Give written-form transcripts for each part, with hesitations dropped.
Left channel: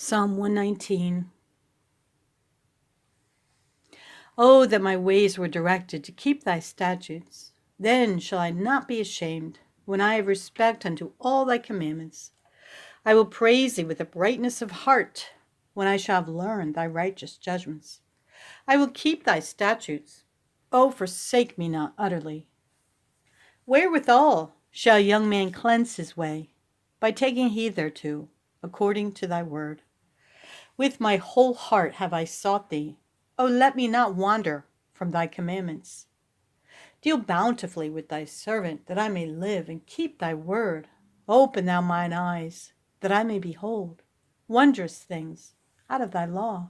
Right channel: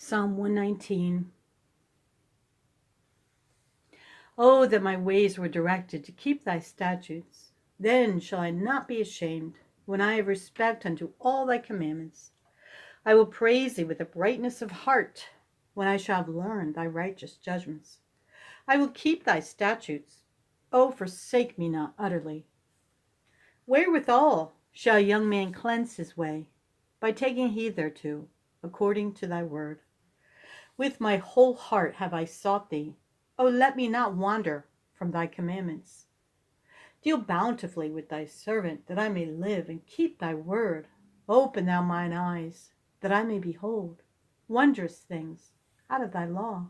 Psalm 119. Oh, that my ways were directed to keep thy statutes. Then shall I not be ashamed, when I have respect unto all thy commandments. I will praise thee with a brightness of heart, when I shall have learned thy righteous judgments. I will keep thy statutes. Oh, forsake me not utterly. Wherewithal shall a young man cleanse his way? By taking heed thereto, according to thy word. With my whole heart have I sought thee. O let me not wander from thy commandments. Deal bountifully with thy servant, that I may live and keep thy word. Open thou mine eyes, that I may behold wondrous things out of thy law.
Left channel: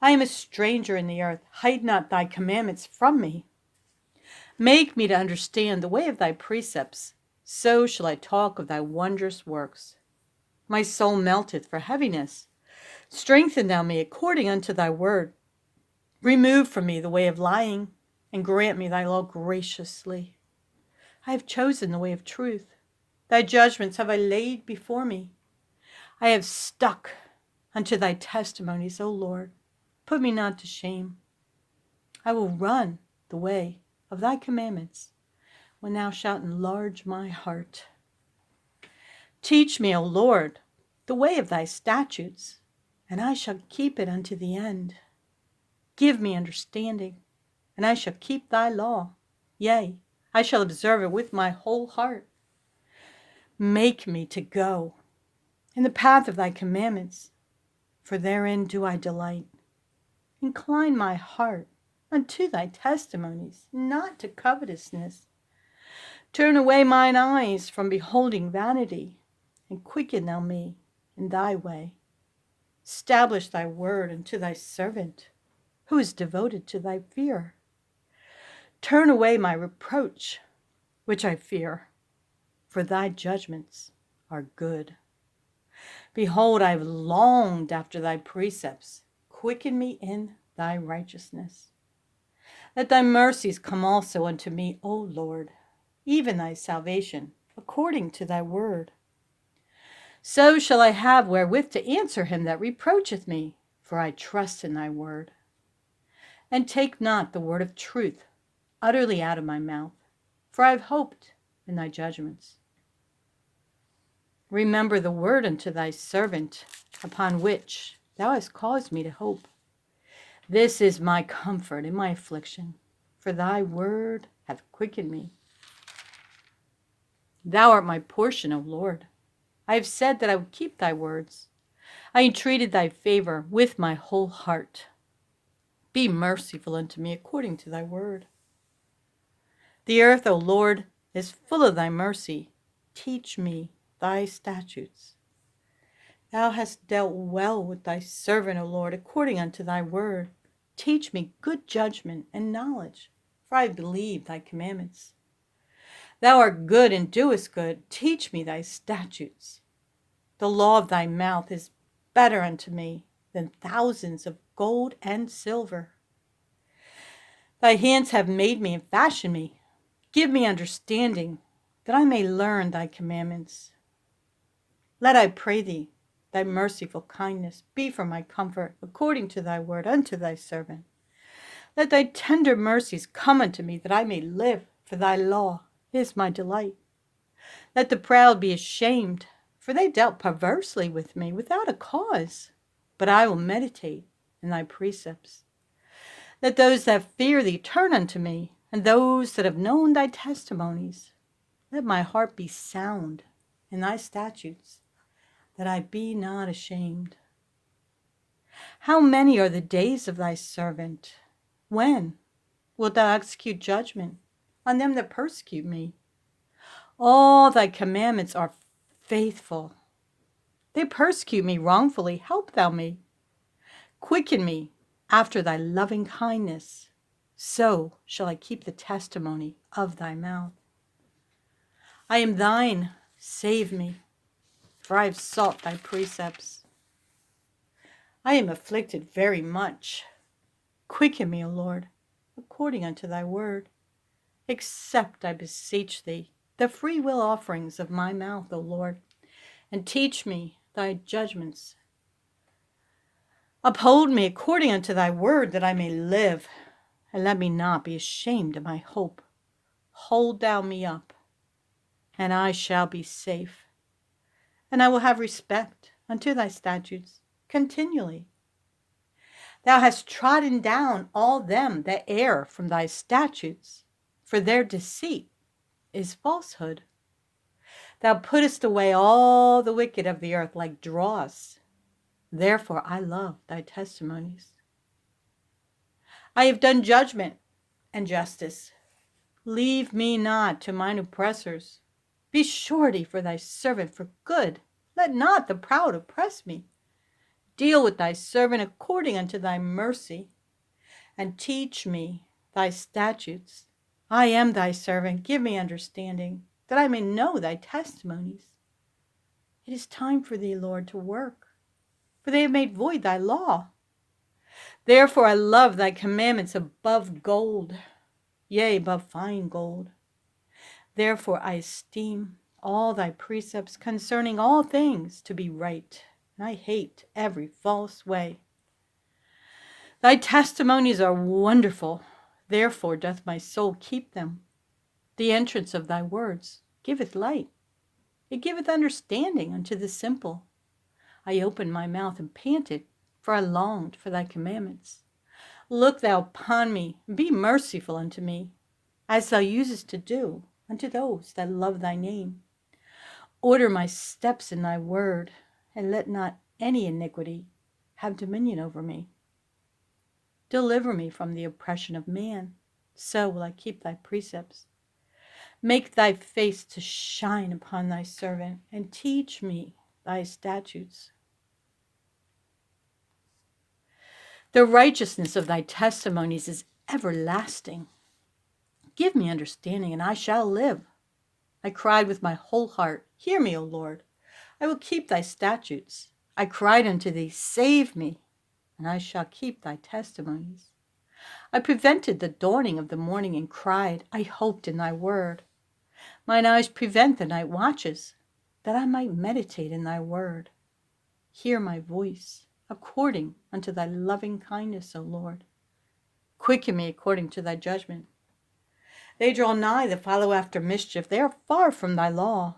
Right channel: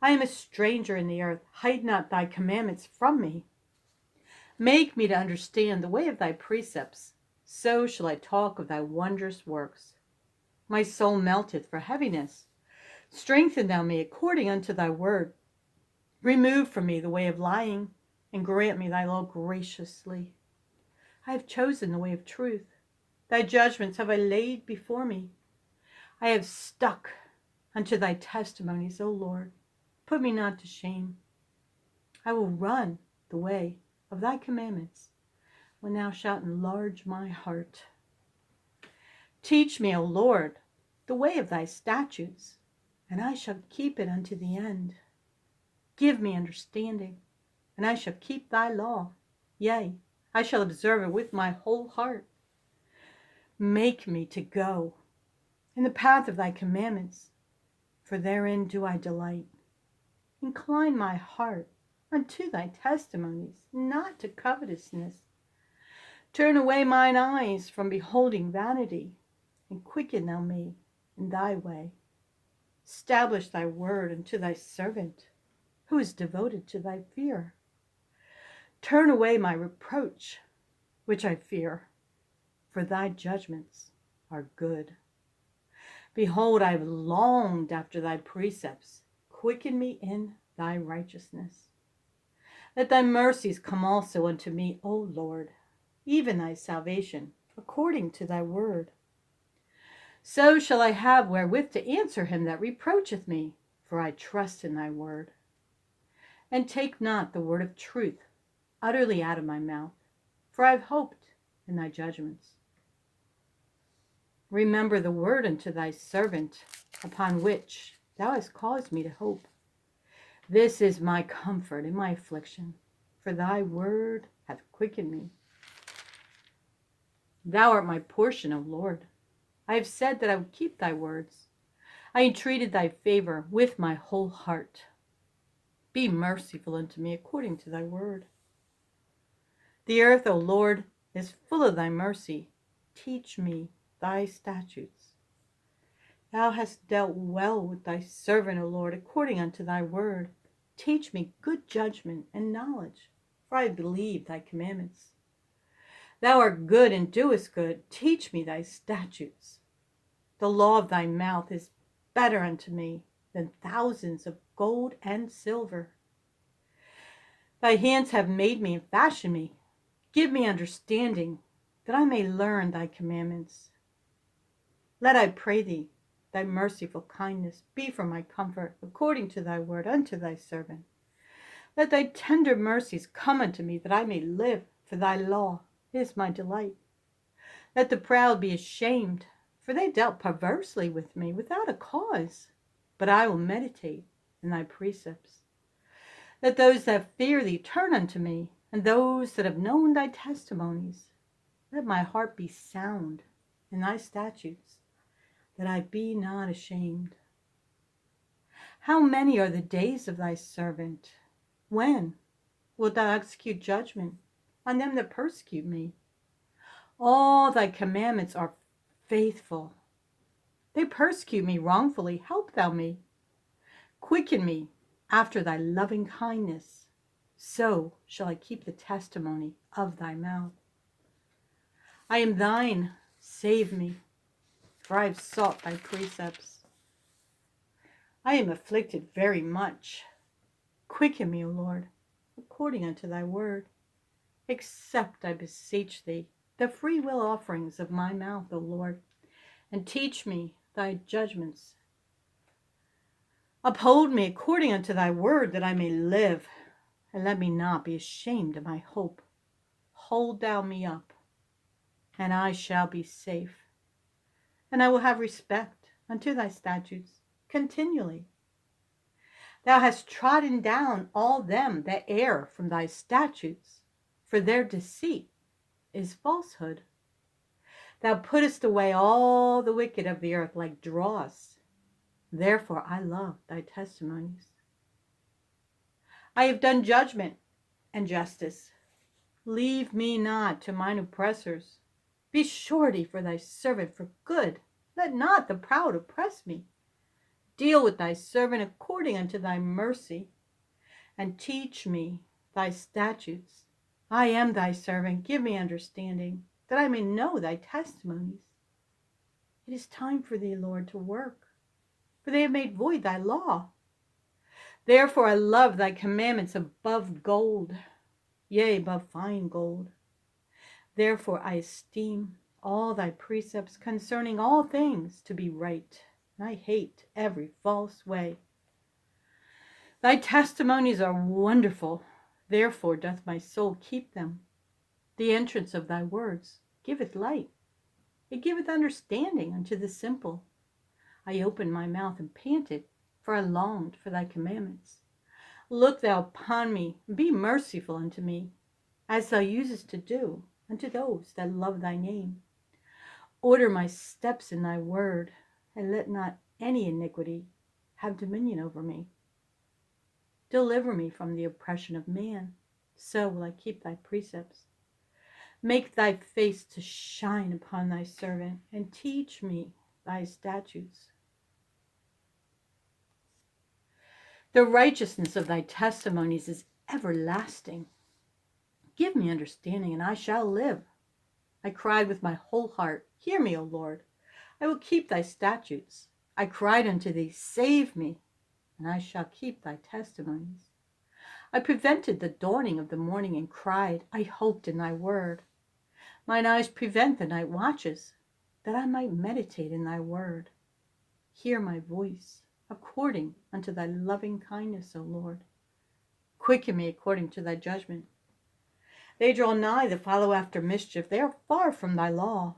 I am a stranger in the earth. Hide not thy commandments from me. Make me to understand the way of thy precepts. So shall I talk of thy wondrous works. My soul melteth for heaviness. Strengthen thou me according unto thy word. Remove from me the way of lying, and grant me thy law graciously. I have chosen the way of truth. Thy judgments have I laid before me. I have stuck unto thy testimonies, O Lord. Put me not to shame. I will run the way of thy commandments, when thou shalt enlarge my heart. Teach me, O Lord, the way of thy statutes, and I shall keep it unto the end. Give me understanding, and I shall keep thy law. Yea, I shall observe it with my whole heart. Make me to go in the path of thy commandments, for therein do I delight. Incline my heart unto thy testimonies, not to covetousness. Turn away mine eyes from beholding vanity, and quicken thou me in thy way. Establish thy word unto thy servant, who is devoted to thy fear. Turn away my reproach, which I fear, for thy judgments are good. Behold, I have longed after thy precepts. Quicken me in thy righteousness. Let thy mercies come also unto me, O Lord, even thy salvation, according to thy word. So shall I have wherewith to answer him that reproacheth me, for I trust in thy word. And take not the word of truth utterly out of my mouth, for I have hoped in thy judgments. Remember the word unto thy servant, upon which thou hast caused me to hope. This is my comfort in my affliction, for thy word hath quickened me. Thou art my portion, O Lord. I have said that I would keep thy words. I entreated thy favor with my whole heart. Be merciful unto me according to thy word. The earth, O Lord, is full of thy mercy. Teach me thy statutes. Thou hast dealt well with thy servant, O Lord, according unto thy word. Teach me good judgment and knowledge, for I believe thy commandments. Thou art good and doest good. Teach me thy statutes. The law of thy mouth is better unto me than thousands of gold and silver. Thy hands have made me and fashioned me. Give me understanding, that I may learn thy commandments. Let, I pray thee, thy merciful kindness be for my comfort, according to thy word unto thy servant. Let thy tender mercies come unto me, that I may live, for thy law is my delight. Let the proud be ashamed, for they dealt perversely with me without a cause. But I will meditate in thy precepts. Let those that fear thee turn unto me, and those that have known thy testimonies. Let my heart be sound in thy statutes, that I be not ashamed. How many are the days of thy servant? When wilt thou execute judgment on them that persecute me? All thy commandments are faithful. They persecute me wrongfully. Help thou me. Quicken me after thy loving kindness. So shall I keep the testimony of thy mouth. I am thine, save me, for I have sought thy precepts. I am afflicted very much. Quicken me, O Lord, according unto thy word. Accept, I beseech thee, the free will offerings of my mouth, O Lord, and teach me thy judgments Uphold me according unto thy word, that I may live, and let me not be ashamed of my hope. Hold thou me up, and I shall be safe, and I will have respect unto thy statutes continually. Thou hast trodden down all them that err from thy statutes, for their deceit is falsehood. Thou puttest away all the wicked of the earth like dross. Therefore I love thy testimonies. I have done judgment and justice. Leave me not to mine oppressors. Be surety for thy servant for good. Let not the proud oppress me. Deal with thy servant according unto thy mercy, and teach me thy statutes. I am thy servant. Give me understanding, that I may know thy testimonies. It is time for thee, Lord, to work, for they have made void thy law. Therefore I love thy commandments above gold, yea, above fine gold. Therefore I esteem all thy precepts concerning all things to be right, and I hate every false way. Thy testimonies are wonderful, therefore doth my soul keep them. The entrance of thy words giveth light, it giveth understanding unto the simple. I opened my mouth and panted, for I longed for thy commandments. Look thou upon me, and be merciful unto me, as thou usest to do unto those that love thy name. Order my steps in thy word, and let not any iniquity have dominion over me. Deliver me from the oppression of man, so will I keep thy precepts. Make thy face to shine upon thy servant, and teach me thy statutes. The righteousness of thy testimonies is everlasting. Give me understanding, and I shall live. I cried with my whole heart, hear me, O Lord. I will keep thy statutes. I cried unto thee, save me, and I shall keep thy testimonies. I prevented the dawning of the morning and cried, I hoped in thy word. Mine eyes prevent the night watches, that I might meditate in thy word. Hear my voice, according unto thy loving kindness, O Lord. Quicken me according to thy judgment. They draw nigh that follow after mischief. They are far from thy law.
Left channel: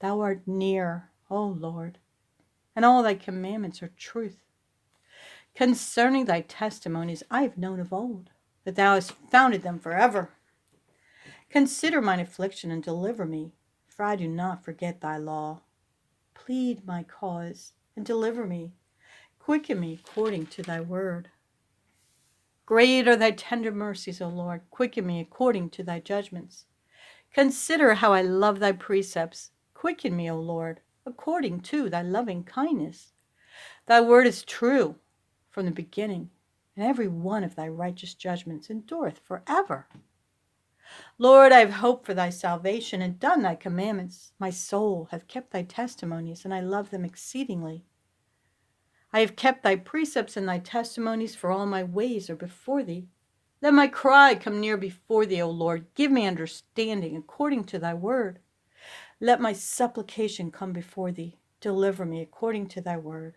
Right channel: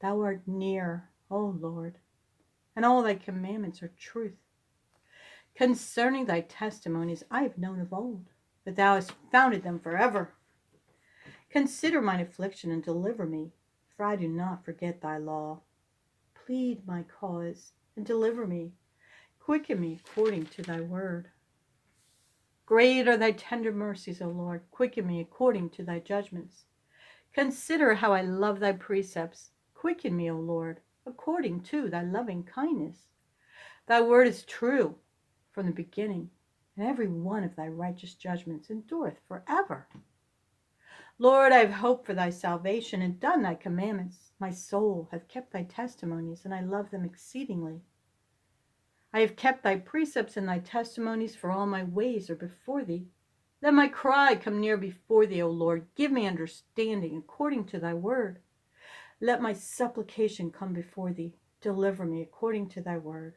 Thou art near, O Lord, and all thy commandments are truth. Concerning thy testimonies I have known of old, that thou hast founded them forever. Consider mine affliction and deliver me, for I do not forget thy law. Plead my cause and deliver me. Quicken me according to thy word. Great are thy tender mercies, O Lord. Quicken me according to thy judgments. Consider how I love thy precepts. Quicken me, O Lord, according to thy loving kindness. Thy word is true from the beginning, and every one of thy righteous judgments endureth forever. Lord, I have hoped for thy salvation and done thy commandments. My soul hath kept thy testimonies, and I love them exceedingly. I have kept thy precepts and thy testimonies, for all my ways are before thee. Let my cry come near before thee, O Lord. Give me understanding according to thy word. Let my supplication come before thee. Deliver me according to thy word.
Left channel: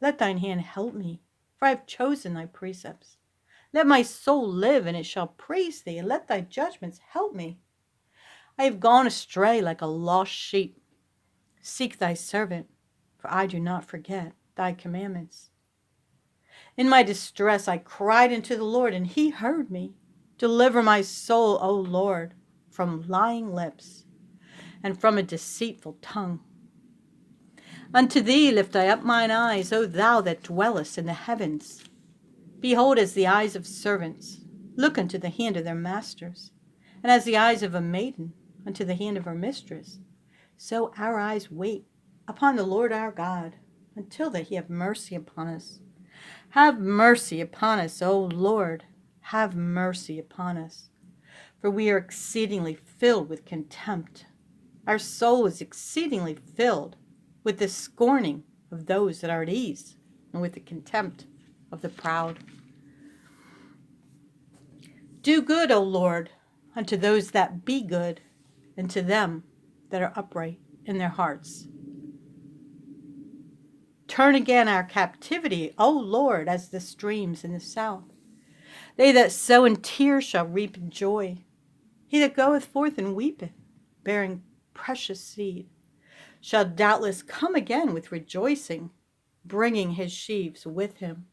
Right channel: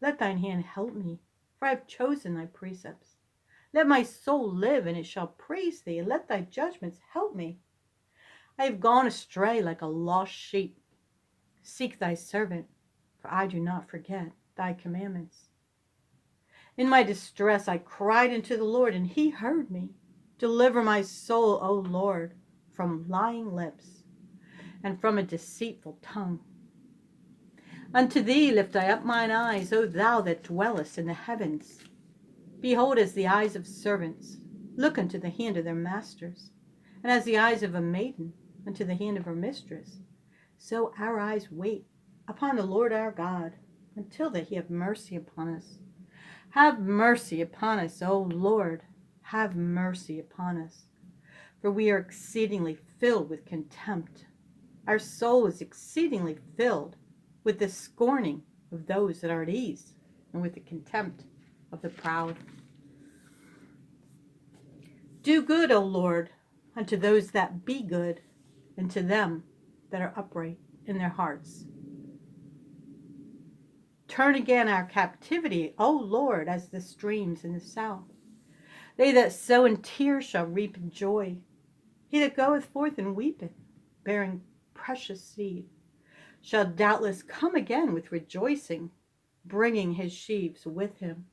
Let thine hand help me, for I have chosen thy precepts. Let my soul live, and it shall praise thee, and let thy judgments help me. I have gone astray like a lost sheep. Seek thy servant, for I do not forget thy commandments. In my distress I cried unto the Lord, and he heard me. Deliver my soul, O Lord, from lying lips, and from a deceitful tongue. Unto thee lift I up mine eyes, O thou that dwellest in the heavens. Behold, as the eyes of servants look unto the hand of their masters, and as the eyes of a maiden unto the hand of her mistress, so our eyes wait upon the Lord our God, until that he have mercy upon us. Have mercy upon us, O Lord, have mercy upon us. For we are exceedingly filled with contempt. Our soul is exceedingly filled with the scorning of those that are at ease, and with the contempt of the proud. Do good, O Lord, unto those that be good, and to them that are upright in their hearts. Turn again our captivity, O Lord, as the streams in the south. They that sow in tears shall reap in joy. He that goeth forth and weepeth, bearing precious seed, shall doubtless come again with rejoicing, bringing his sheaves with him.